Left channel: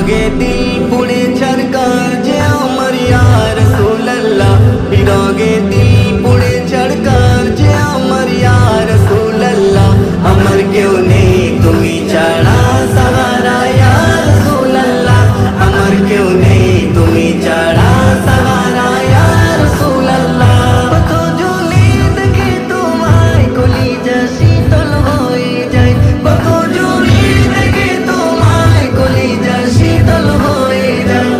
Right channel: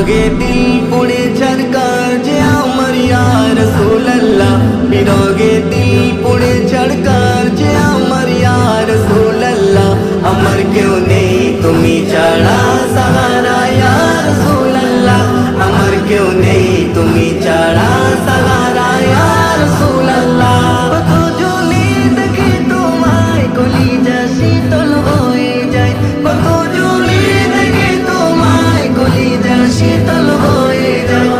বিরগে দিল পুড়ে ছাড়কার যে আমার ইয়া রাসূলুল্লাহ, বিরগে দিল পুড়ে ছাড়কার যে আমার ইয়া রাসূলুল্লাহ। আমার কেউ নেই তুমি ছাড়া সাহারা ইয়া রাসূলুল্লাহ, আমার কেউ নেই তুমি ছাড়া সাহারা ইয়া রাসূলুল্লাহ। কত জনে দেখে তোমায় কলিজা শীতল হয়ে যায়, কত জনে দেখে তোমায় কলিজা শীতল হয়ে যায়।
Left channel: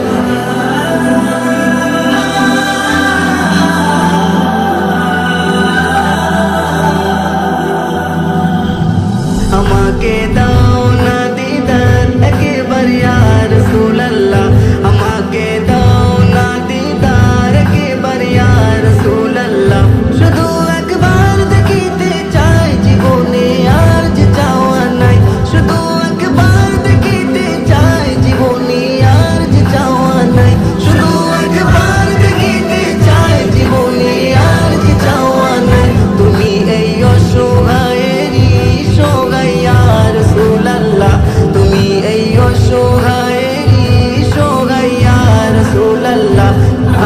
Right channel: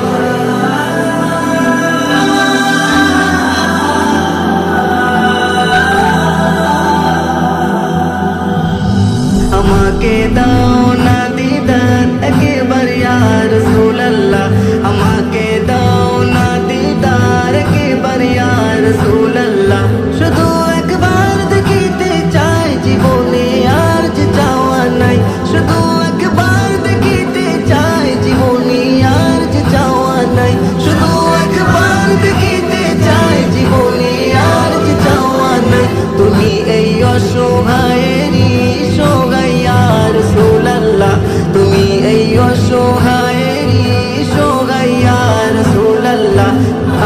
আমাকে দাও না দিদার একবার ইয়া রাসূলুল্লাহ, আমাকে দাও না দিদার একবার ইয়া রাসূলুল্লাহ। শুধু একবার দেখিতে চাই জীবনে আর যে চাওয়া নাই, শুধু একবার দেখিতে চাই জীবনে আর যে চাওয়া নাই, শুধু একবার দেখিতে চাই জীবনে আর যে চাওয়া নাই। তুমি এই অসহায়েরই সহায় ইয়া রাসূলুল্লাহ, তুমি এই অসহায়েরই সহায় ইয়া রাসূলুল্লাহ।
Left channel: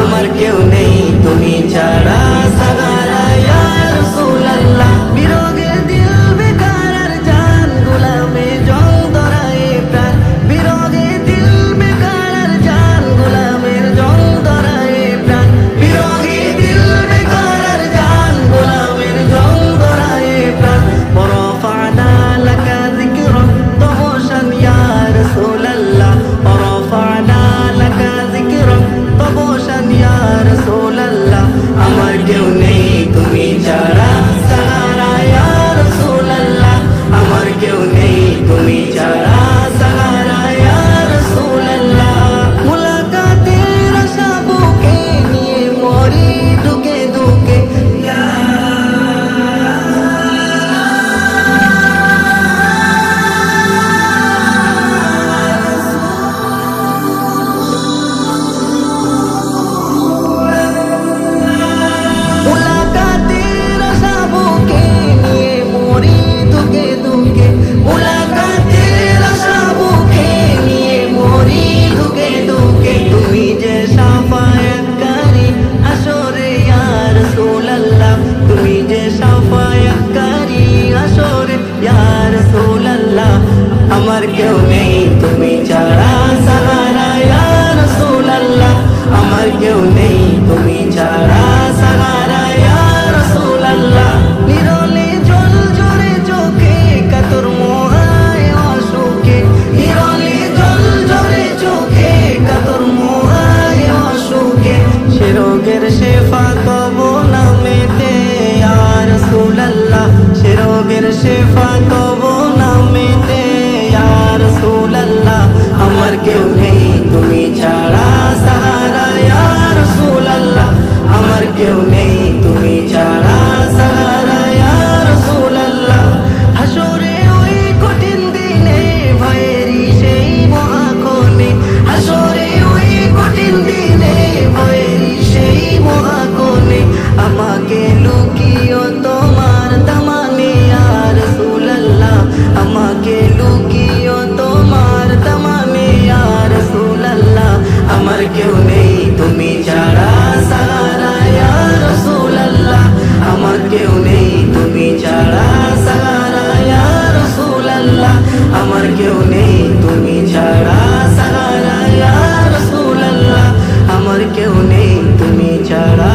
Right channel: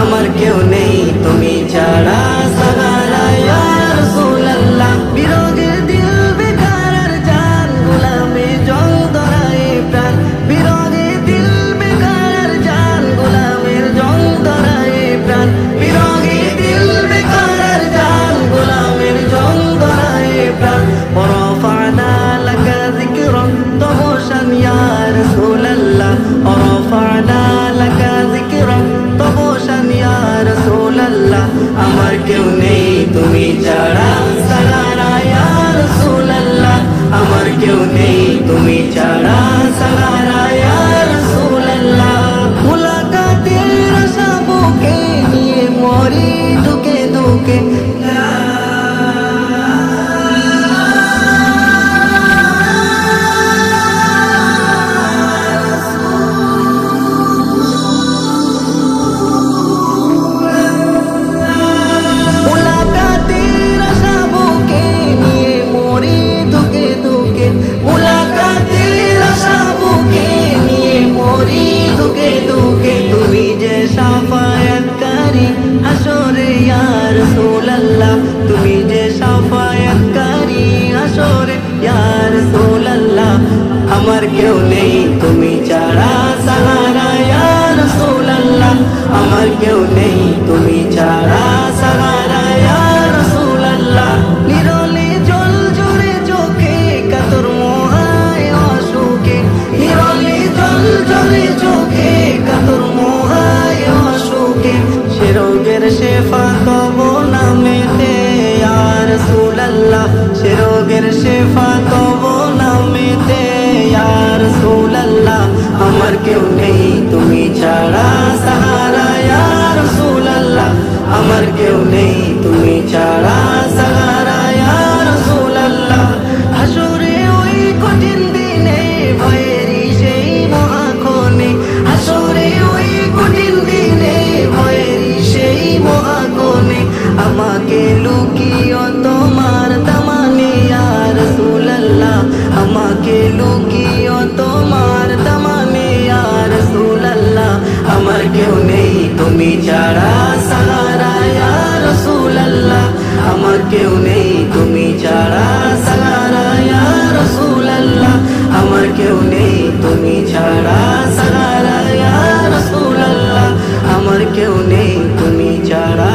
আমার কেউ নেই তুমি ছাড়া সাহারা ইয়া রাসূলুল্লাহ। বিরগের দিল বেকার আর জান গোলামে জং ধরায় প্রাণ, বিরগের দিল বেকার আর জান গোলামের জং ধরায় প্রাণ, বিরগের দিল বেকার আর জান গোলামের জং ধরায় প্রাণ। ورفعنا لك ذكرا طهوشا يا رسول الله، ورفعنا لك ذكرا طهوشا يا رسول الله। আমার কেউ নেই তুমি ছাড়া সাহারা ইয়া রাসূলুল্লাহ, আমার কেউ নেই তুমি ছাড়া সাহারা ইয়া রাসূলুল্লাহ। মুলাকাতের আশা বুকে নিয়ে মরি ঢুকে ঢুকে, মুলাকাতের আশা বুকে নিয়ে মরি ঢুকে ঢুকে, মুলাকাতের আশা বুকে নিয়ে মরি ঢুকে ঢুকে। তুমি যে শাফায়াতকারী হাসরে ইয়া রাসূলুল্লাহ, তুমি যে শাফায়াতকারী হাসরে ইয়া রাসূলুল্লাহ। আমার কেউ নেই তুমি ছাড়া সাহারা ইয়া রাসূলুল্লাহ, আমার কেউ নেই তুমি ছাড়া সাহারা ইয়া রাসূলুল্লাহ। নিরলে জল জরে চোখে কাতর মোহায় অসুখে, নিরলে জল জরে চোখে কাতর মোহায় অসুখে। সে রোগের শেফা তব নামেতে ইয়া রাসূলুল্লাহ, সে রোগের শেফা তব নামেতে ইয়া রাসূলুল্লাহ। আমার কেউ নেই তুমি ছাড়া সাহারা ইয়া রাসূলুল্লাহ, আমার কেউ নেই তুমি ছাড়া সাহারা ইয়া রাসূলুল্লাহ। হাসরে ওই কঠিন দিনে ভয়েরই সেই মহাক্ষণে, হাসরে ওই কঠিন দিনে ভয়েরই সেই মহাক্ষণে। আমাকে লুকিও তোমার দামানে ইয়া রাসূলুল্লাহ, আমাকে লুকিও তোমার দামানে ইয়া রাসূলুল্লাহ। আমার কেউ নেই তুমি ছাড়া সাহারা ইয়া রাসূলুল্লাহ, আমার কেউ নেই তুমি ছাড়া সাহারা ইয়া রাসূলুল্লাহ, আমার কেউ নেই তুমি ছাড়া সাহারা ইয়া রাসূলুল্লাহ, আমার কেউ নেই তুমি ছাড়া।